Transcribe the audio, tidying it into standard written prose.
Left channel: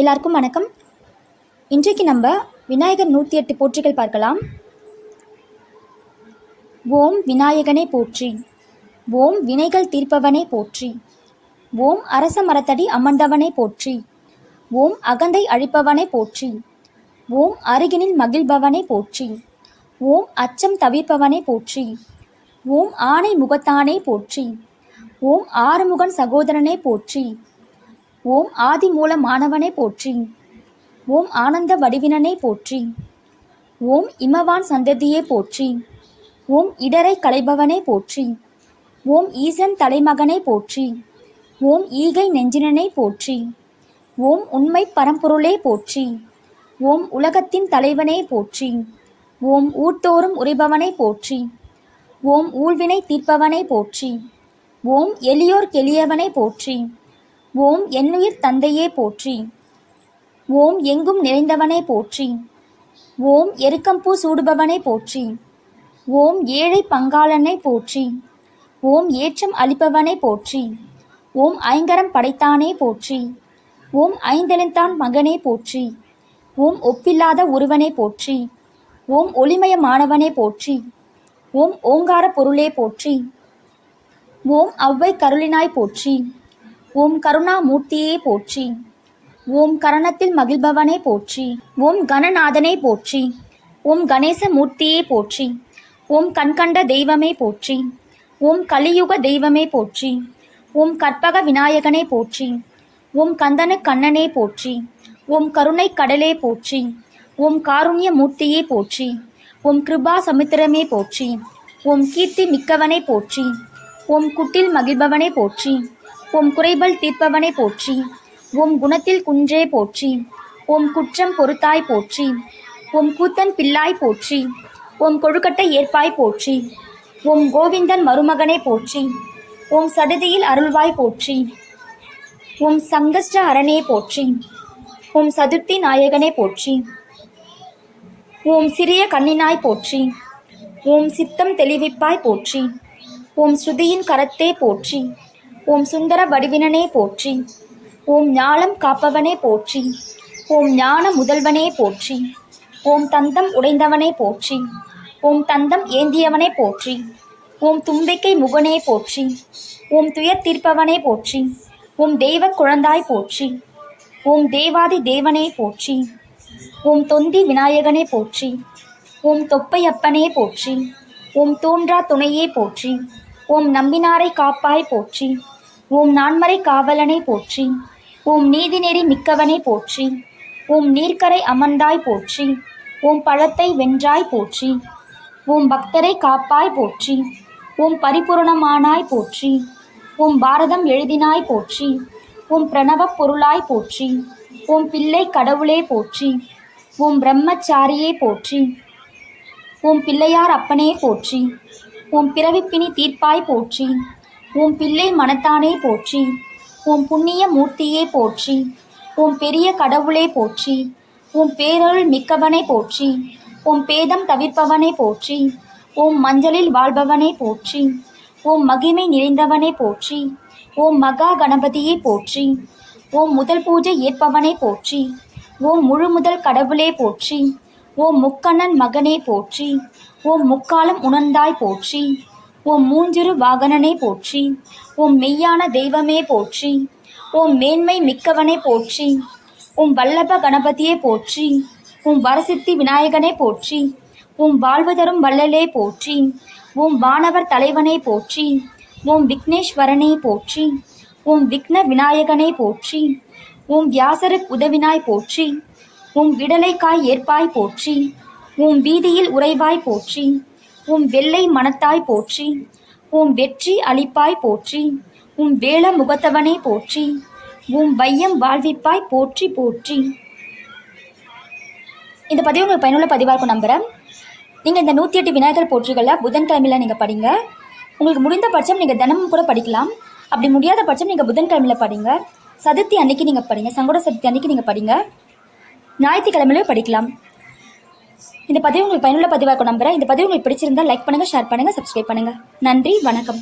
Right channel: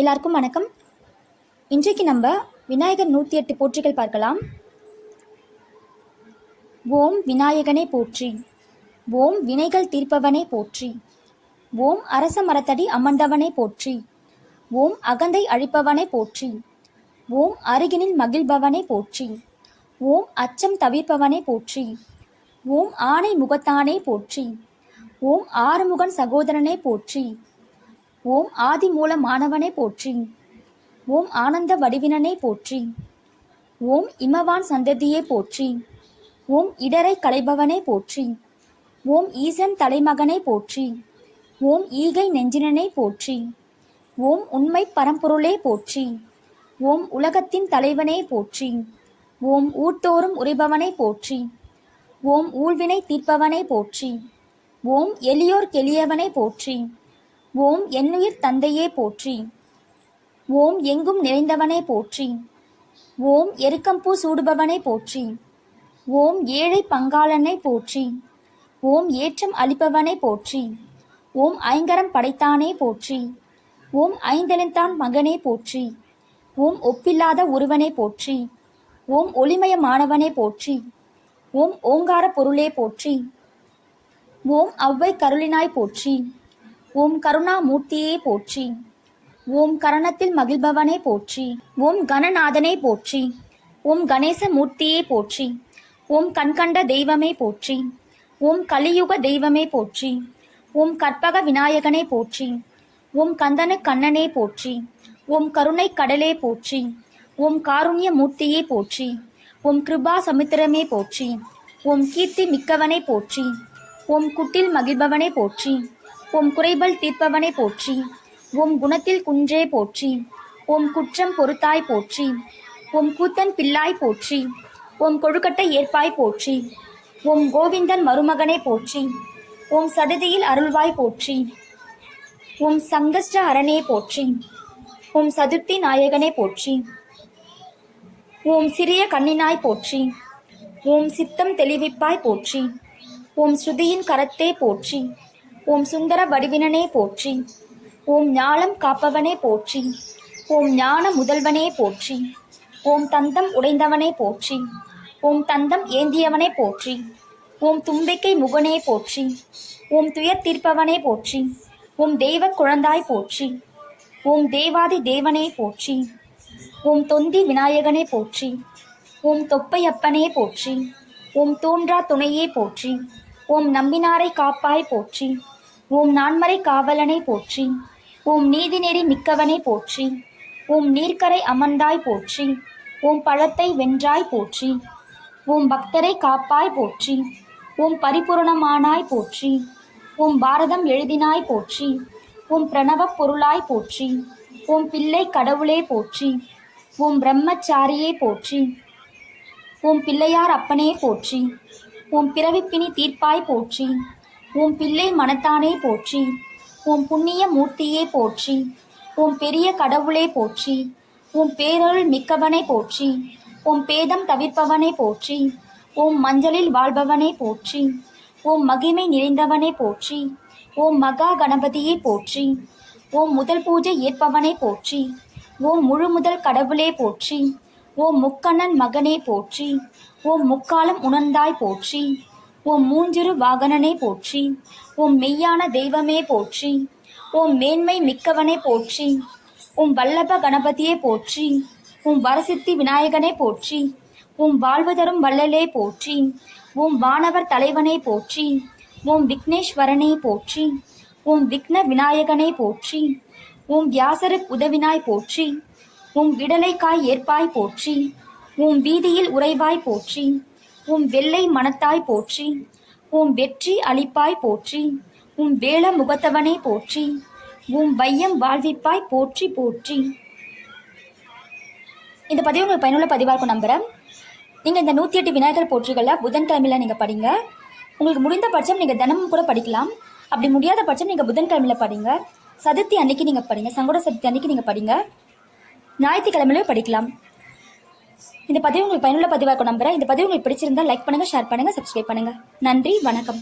எல்லாருக்கும் வணக்கம். இன்றைக்கு நம்ம விநாயகர் 108 போற்றிகள் பார்க்கலாம். ஓம் விநாயகனே போற்றி, ஓம் வினைகள் தீர்ப்பவனே போற்றி, ஓம் அரச மரத்தடி அமர்ந்தவனே போற்றி, ஓம் அகந்தை அழிப்பவனே போற்றி, ஓம் அருகினில் மகிழ்பவனே போற்றி, ஓம் அச்சம் தவிர்ப்பவனே போற்றி, ஓம் ஆணை முகத்தானே போற்றி, ஓம் ஆறுமுகன் சகோதரனே போற்றி, ஓம் ஆதி மூலமானவனே போற்றி, ஓம் ஆனந்த வடிவினனே போற்றி, ஓம் இமவான் சந்ததியே போற்றி, ஓம் இடரை களைபவனே போற்றி, ஓம் ஈசன் தலைமகனே போற்றி, ஓம் ஈகை நெஞ்சினனே போற்றி, ஓம் உண்மை பரம்பொருளே போற்றி, ஓம் உலகத்தின் தலைவனே போற்றி, ஓம் ஊர்த்தோறும் உரைபவனே போற்றி, ஓம் ஊழ்வினை தீர்ப்பவனே போற்றி, ஓம் எளியோர் கெளியவனே போற்றி, ஓம் என்னுயிர் தந்தையே போற்றி, ஓம் எங்கும் நிறைந்தவனே போற்றி, ஓம் எருக்கம்பூ சூடுபவனே போற்றி, ஓம் ஏழை பங்காளனை போற்றி, ஓம் ஏற்றம் அளிப்பவனே போற்றி, ஓம் ஐங்கரம் படைத்தானே போற்றி, ஓம் ஐந்தெழுந்தான் மகனே போற்றி, ஓம் ஒப்பில்லாத ஒருவனே போற்றி, ஓம் ஒளிமயமானவனே போற்றி, ஓம் ஓங்கார பொருளே போற்றி, ஓம் அவ்வை கருளினாய் போற்றி, ஓம் கருணாமூர்த்தியே போற்றி, ஓம் கரணத்தில் மகிழ்பவனே போற்றி, ஓம் கணநாதனே போற்றி, ஓம் கணேச மூர்த்தியே போற்றி, ஓம் கண்கண்ட தெய்வமே போற்றி, ஓம் கலியுக தெய்வமே போற்றி, ஓம் கற்பக விநாயகனே போற்றி, ஓம் கந்தன கண்ணனே போற்றி, ஓம் கருணை கடலே போற்றி, ஓம் காருண்ய மூர்த்தியே போற்றி, ஓம் கிருபா சமுத்திரமே போற்றி, ஓம் கீர்த்தி மிக்கவனே போற்றி, ஓம் குட்டில் மகிழ்பவனே போற்றி, ஓம் குறைபல் தீர்ப்பவனே போற்றி, ஓம் குணத்தில் குன்றே போற்றி, ஓம் குற்றம் பொறுத்தாய் போற்றி, ஓம் கூத்தன் பிள்ளாய் போற்றி, ஓம் கொழுக்கட்டை ஏற்பாய் போற்றி, ஓம் கோவிந்தன் மருமகனே போற்றி, ஓம் சடதியில் அருள்வாய் போற்றி, ஓம் சங்கஷ்ட அரணே போற்றி, ஓம் சதுர்த்தி நாயகனே போற்றி, ஓம் சிறிய கண்ணினாய் போற்றி, ஓம் சித்தம் தெளிவிப்பாய் போற்றி, ஓம் ஸ்ருதியின் கரத்தே போற்றி, ஓம் சுந்தர வடிவினனே போற்றி, ஓம் ஞாலம் காப்பவனே போற்றி, ஓம் ஞான முதல்வனே போற்றி, ஓம் தந்தம் உடைந்தவனே போற்றி, ஓம் தந்தம் ஏந்தியவனே போற்றி, ஓம் தும்பிக்கை முகனே போற்றி, ஓம் துயர் தீர்ப்பவனே போற்றி, ஓம் தெய்வ குழந்தாய் போற்றி, ஓம் தேவாதி தேவனே போற்றி, ஓம் தொந்தி விநாயகனே போற்றி, ஓம் தொப்பையப்பனே போற்றி, ஓம் தோன்றா துணையே போற்றி, ஓம் நம்பினாரை காப்பாய் போற்றி, ஓம் நான்மறை காவலனை போற்றி, ஓம் நீதிநெறி மிக்கவனை போற்றி, ஓம் நீர்க்கரை அமர்ந்தாய் போற்றி, ஓம் பழத்தை வென்றாய் போற்றி, ஓம் பக்தரை காப்பாய் போற்றி, ஓம் பரிபூரணமானாய் போற்றி, ஓம் பாரதம் எழுதினாய் போற்றி, ஓம் பிரணவ பொருளாய் போற்றி, ஓம் பிள்ளை கடவுளே போற்றி, ஓம் பிரம்மச்சாரியே போற்றி, ஓம் பிள்ளையார் அப்பனே போற்றி, ஓம் பிறவிப்பினி தீர்ப்பாய் போற்றி, ஓம் பிள்ளை மனத்தானே போற்றி, ஓம் புண்ணிய மூர்த்தியே போற்றி, ஓம் பெரிய கடவுளே போற்றி, ஓம் பேரருள் மிக்கவனே போற்றி, ஓம் பேதம் தவிர்ப்பவனே போற்றி, ஓம் மஞ்சளில் வாழ்பவனே போற்றி, ஓம் மகிமை நிறைந்தவனே போற்றி, ஓம் மகா கணபதியே போற்றி, ஓம் முதல் பூஜை ஏற்பவனே போற்றி, ஓம் முழு முதல் கடவுளே போற்றி, ஓம் முக்கண்ணன் மகனே போற்றி, ஓம் முக்காலம் உணர்ந்தாய் போற்றி, ஓம் மூஞ்சிறு வாகனனே போற்றி, ஓம் மெய்யான தெய்வமே போற்றி, ஓம் மேன்மை மிக்கவனே போற்றி, ஓம் வல்லப கணபதியே போற்றி, ஓம் வரசித்தி விநாயகனே போற்றி, ஓம் வாழ்வு தரும் வள்ளலே போற்றி, ஓம் வானவர் தலைவனே போற்றி, ஓம் விக்னேஸ்வரனே போற்றி, ஓம் விக்ன விநாயகனே போற்றி, ஓம் வியாசருக்கு உதவினாய் போற்றி, ஓம் விடலைக்காய் ஏற்பாய் போற்றி, ஓம் வீதியில் உறைவாய் போற்றி, ஓம் வெள்ளை மனத்தாய் போற்றி, ஓம் வெற்றி அளிப்பாய் போற்றி, ஓம் வேள முகத்தவனே போற்றி, ஓம் வையம் வாழ்விப்பாய் போற்றி போற்றி. இந்த பதிவு உங்களுக்கு பயனுள்ள பதிவாக இருக்கும் நம்புகிறேன். நீங்கள் இந்த 108 விநாயகர் போற்றிகளை புதன்கிழமையில் நீங்கள் படிங்க. உங்களுக்கு முடிந்த பட்சம் நீங்கள் தினமும் கூட படிக்கலாம். அப்படி முடியாத பட்சம் நீங்கள் புதன்கிழமையில் படிங்க. சதுர்த்தி அன்னைக்கு நீங்கள் படிங்க. சங்கட சதுர்த்தி அன்னைக்கு நீங்கள் படிங்க. ஞாயிற்றுக்கிழமையிலும் படிக்கலாம். இந்த பதிவு உங்களுக்கு பயனுள்ள பதிவாக நம்புறேன். இந்த பதிவு உங்களுக்கு பிடிச்சிருந்தா லைக் பண்ணுங்கள், ஷேர் பண்ணுங்கள், சப்ஸ்கிரைப் பண்ணுங்கள். நன்றி, வணக்கம்.